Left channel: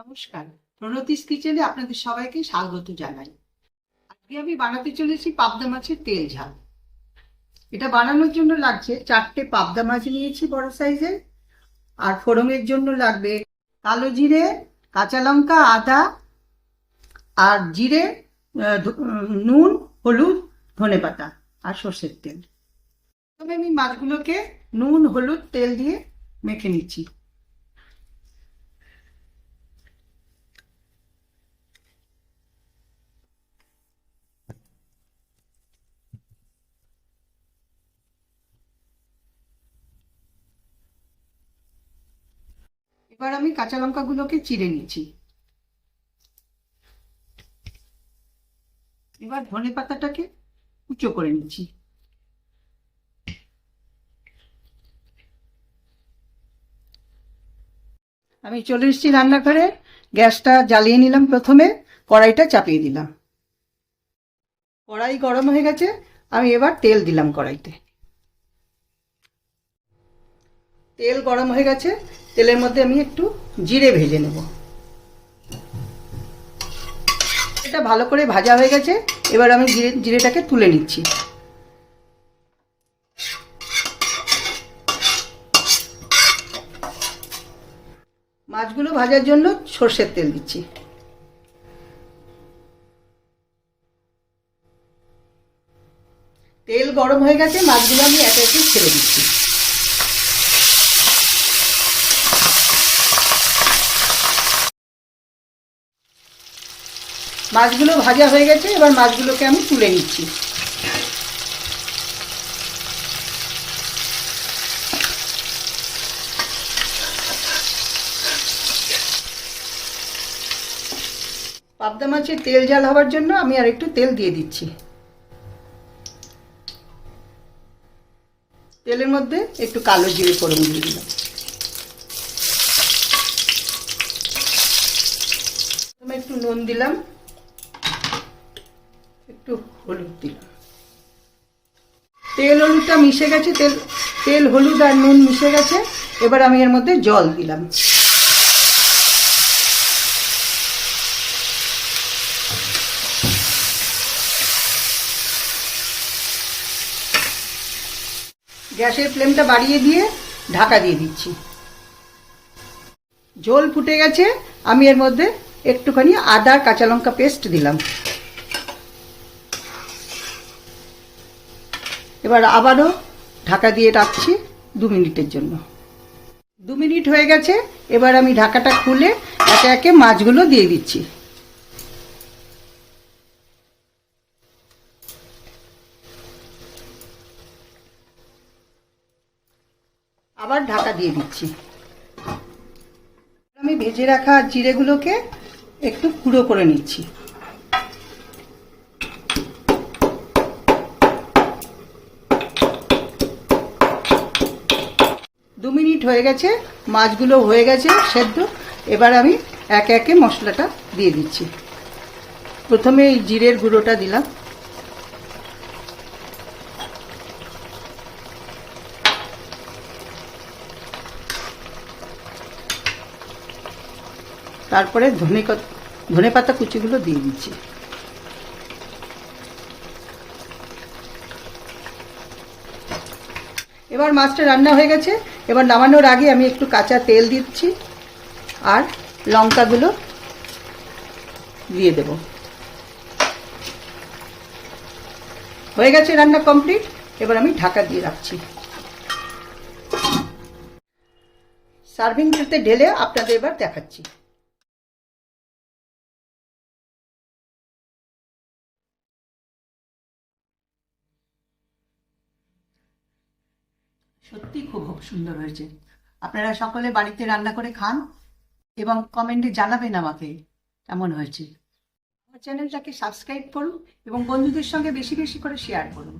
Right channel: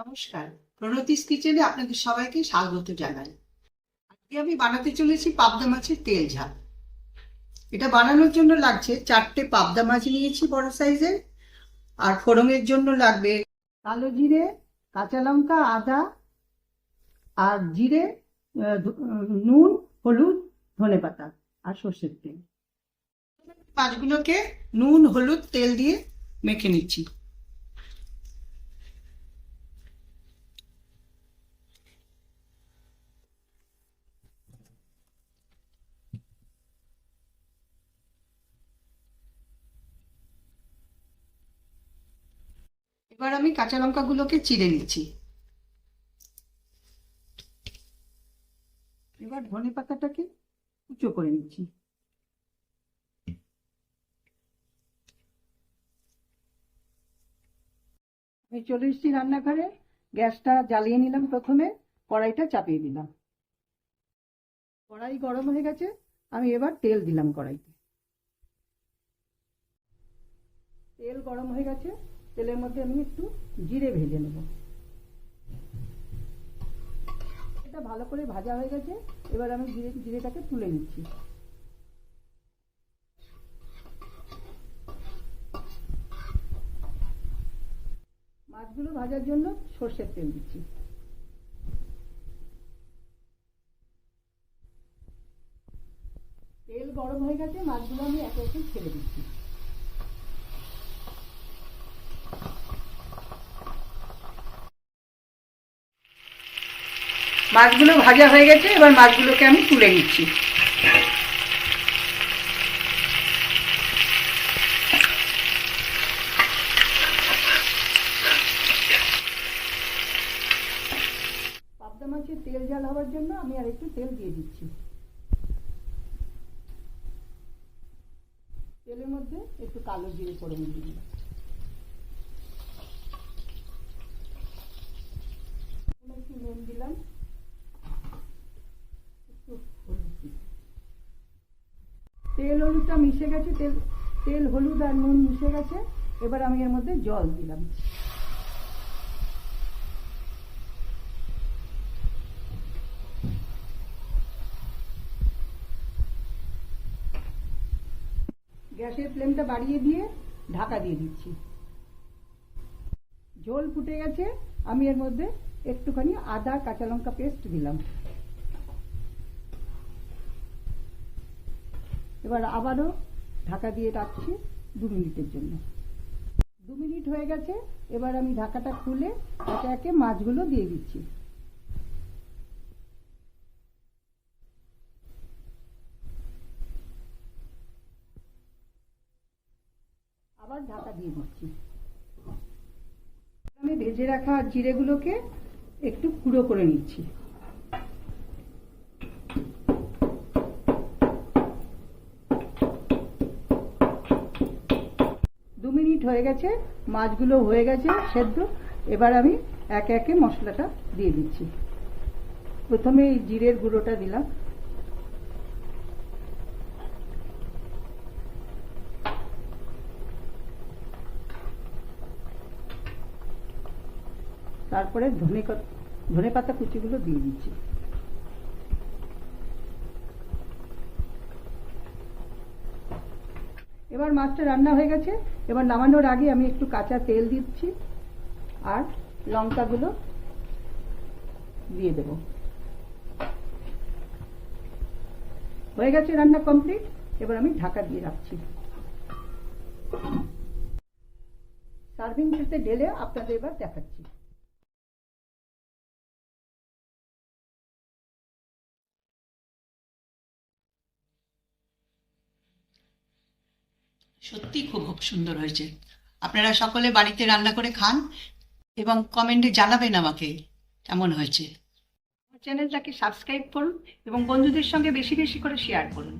নমস্কার, প্রণতিস কিচেনে আপনাদের সবাইকে স্বাগত জানাই। আজকে আমি বানাতে চলেছি পাবদা মাছের তেল ঝাল। এটা বানানোর জন্য লাগছে 4টে পাবদা মাছ নিয়েছি বড় সাইজের। আর ফোড়নের জন্য লাগবে কালো জিরে, কাঁচা লঙ্কা, আদা আর জিরে, নুন, হলুদ, ধনেপাতা আর সর্ষের তেল। তবে আমি মাছগুলোকে নুন, হলুদ, তেল দিয়ে মেখে নিচ্ছি। এবার আমি কাঁচা লঙ্কাগুলোকে চিড়ে নিচ্ছি। এবার ধনে পাতাটাকে কুচো করে নিচ্ছি। আমি চলে এসেছি রান্নাঘরে। গ্যাসটা জ্বালিয়ে নিলাম। প্রথমে কড়াইটা চাপিয়ে দিলাম। কড়াই গরম হয়ে গেছে। আমি এবার তেল দিলাম কড়াইতে। তেল গরম হয়ে গেছে। তেলের মধ্যে আমি একটু জিরে ভেজে নেব। এটা ভালো করে ভাজা হয়ে গেছে। এবার আমি জিরেটাকে তুলে নিচ্ছি। মাছগুলো ভাজার জন্য সর্ষের তেল দিচ্ছি। তেল গরম হয়ে গেছে। মাছগুলো আমি একে একে ছেড়ে দিচ্ছি। মাছগুলো ভাজা হয়ে গেছে। এবার মাছগুলোকে আমি তুলে নিচ্ছি। পাবদা মাছের তেল ঝাল হওয়ার জন্য আমি আর একটু তেল দিয়ে দিচ্ছি। তেলের মধ্যে একটু কালো জিরে ফোড়ন দিয়ে দিলাম। একটু নুন দিলাম, একটু হলুদ দিলাম। তেল হলুদটা মিশে গেছে। তেল হলুদ আর নুন মিশে গেছে। এবার আমি এর মধ্যে জল দিলাম। গ্যাসের ফ্লেমটা বাড়িয়ে দিয়ে ঢাকা দিয়ে দিচ্ছি। ঝোল ফুটে গেছে। আমি এর মধ্যে একটুখানি আদা আর কাঁচা লঙ্কা পেস্ট দিলাম। এবার আবারও ঢাকা দিয়ে রাখছি 2 মিনিটের জন্য। 2 মিনিট হয়ে গেছে। এবার আমি ঢাকাটা খুলে একে একে মাছগুলো দিয়ে দিচ্ছি। আবার ঢাকা দিয়ে দিচ্ছি। আমি ভেজে রাখা জিরেগুলোকে একটু গুঁড়ো করে নিচ্ছি। দু মিনিট হয়ে গেছে। মাছগুলো হয়ে গেছে সেদ্ধ। এবার আমি একে একে মশলাটা দিয়ে দিচ্ছি। প্রথমে এই জিরের গুঁড়োটা দিলাম। তারপরে ধনে পাতা কুচিগুলো দিয়ে দিচ্ছি। এবার মাছটা রান্না হয়ে গেছে। এবার নামানোর আগে আমি একটু কাঁচা তেল দিচ্ছি আর লঙ্কাগুলো দিয়ে দেব। হয়ে গেছে রান্না কমপ্লিট। এবার আমি ঢাকা দিয়ে রাখছি। সার্ভিং ট্রেতে ঢেলে আপনাদের এবার দেখাচ্ছি। সত্যি খুব সুন্দর হয়েছে। আপনারা সকলে বাড়িতে রান্না করে খান এবং কমেন্টে জানাবেন আমাকে কেমন হয়েছে। আমার চ্যানেলটাকে সাবস্ক্রাইব করুন এবং বন্ধুদের সঙ্গে বেশি বেশি করে শেয়ার করুন।